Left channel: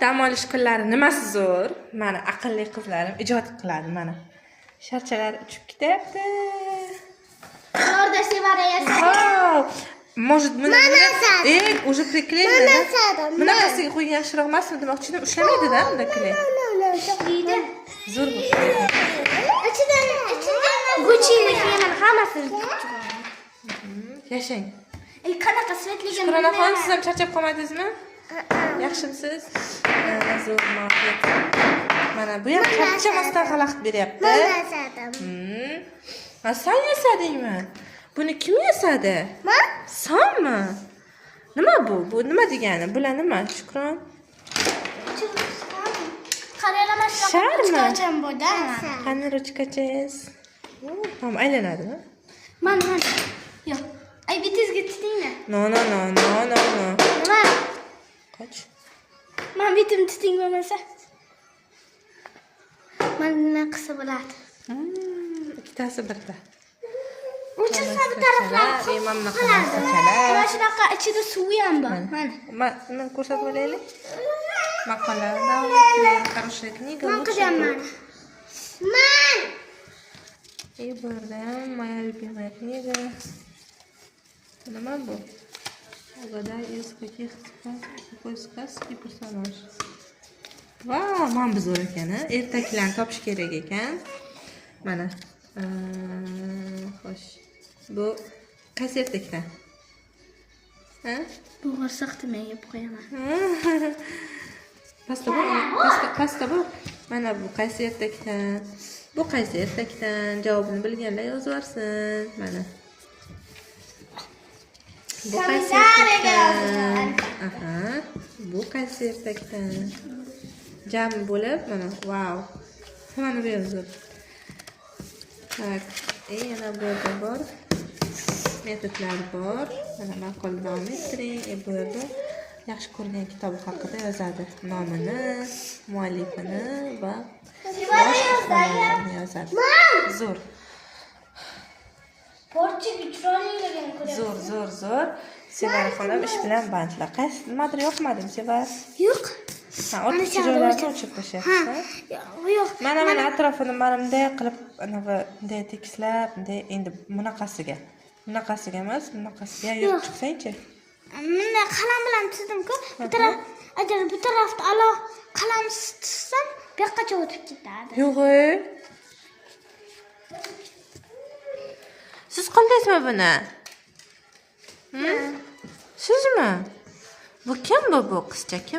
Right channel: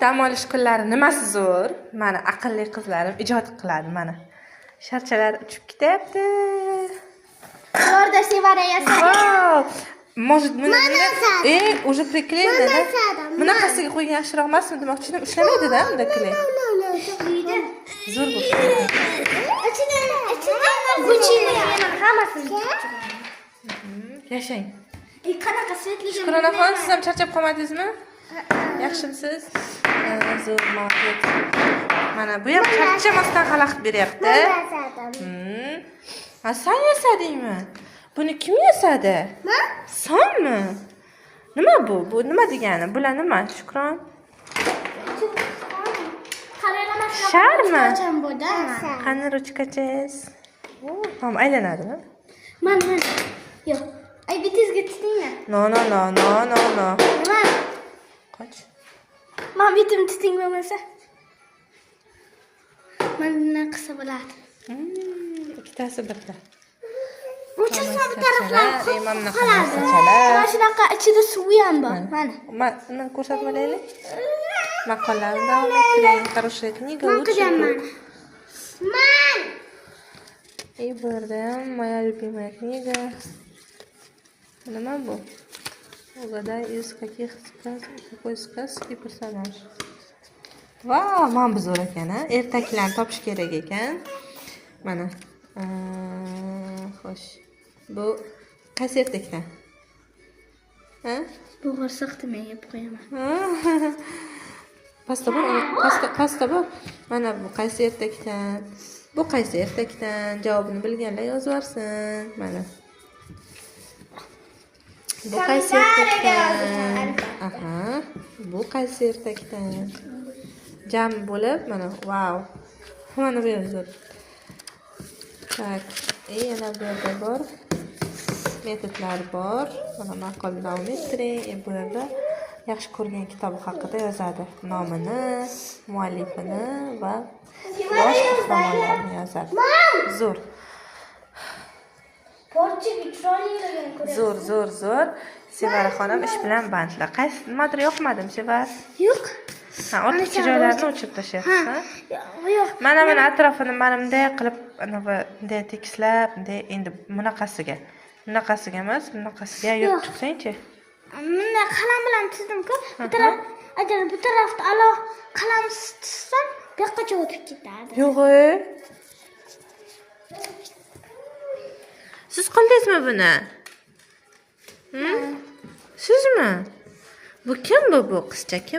Dam olish kunlari nimasi zo'r? Mana aqlli qizlarim ijod qiladi mana. Sharchalar uchib ketyapti. Orada Sevara yasadi. Wow! Может, уже приклеили, да? Bunaqasiga qo'ygan yaxshiroq emasmi demoqchiman. Ushlamaydi-da bunda kley. Zo'r bu. Ichidan Gucci'ni hammasini. Yashang. Qanaqa svetli. Shukronaxon, siz ham charchab qolmadingizmi? Yaxshimisiz? Zo'r muvaffaqiyat. Mana bu ham charchamasdan xalaqit beryapti. Sen yasadingmi? Buni kim yasadi? Senmi? Nima bu? Bu nima degani? Bular nima? Shukron. Sharmi? Qani ruchkachingiz? Tamam, aylanadimi? Mana. Yo'q. Ay bitizga tutinglar. No. Nima? Qoch. Men bitim tuting bo'lmasa. Mana qilsa bo'ladi. Ikkitasi birda. Uchasi bir taraflar. Mana shunaqa ichida suvi ham bor. Mana. Uni ko'rsatib olaylik. Maqollarni davom ettiring. Хорошая книга. Man. И bu yerda ham моя любимая книга. Nima bu? Угадай из каких сказок, какой сказки персонаж. Vau, mana bu zo'r ekan, ha? Ertaklarni topish kerak ekan. Mana. Xo'sh. Bu qaysi ertakdan? Ha? Bu g'irsoqni men yeb qo'yaman. Pasta bu. Mana bu qaysi ertakdan? Bu qaysi ertakdan? Javobini bilganlar yozib yuborsin. Mana. Bu qaysi ertakdan? Aha. Bu qaysi ertakdan? Jam bo'lib, mana, vau. Mana bu yozib. Tak, yana bu yerda bor. Metodlar bor. Mana maqolni davom ettiring. Bu yerda yaxshi ko'rgan kitobi haqida yozadi. Nomini, muallifini va bosh qahramonlarni yozadi. Zo'r. Porchiga chiroyliligini ko'ryapsiz. Zo'r. Sevara xonim ish bilan bandlar. Qaysi nimadir yoqmadimi, Sevara? Yo'q. Ha, ortiqcha joylarni o'chirib tashlayapsiz, ha? Yo'q. Mana atrofini mana bunday qilib, bunday tekislab, bunday endi bunaqasiga emas, bunaqasiga yurib chiqsang-chi. Mana qalam bilan chizdim-ku. Agar bu tarafda aloq qalam chizsam, bu yoqqacha o'tib ketadi. Yo'q-e. Siz qildingizmi buni? Sizmi? Bu kim bu qizcha? Kim?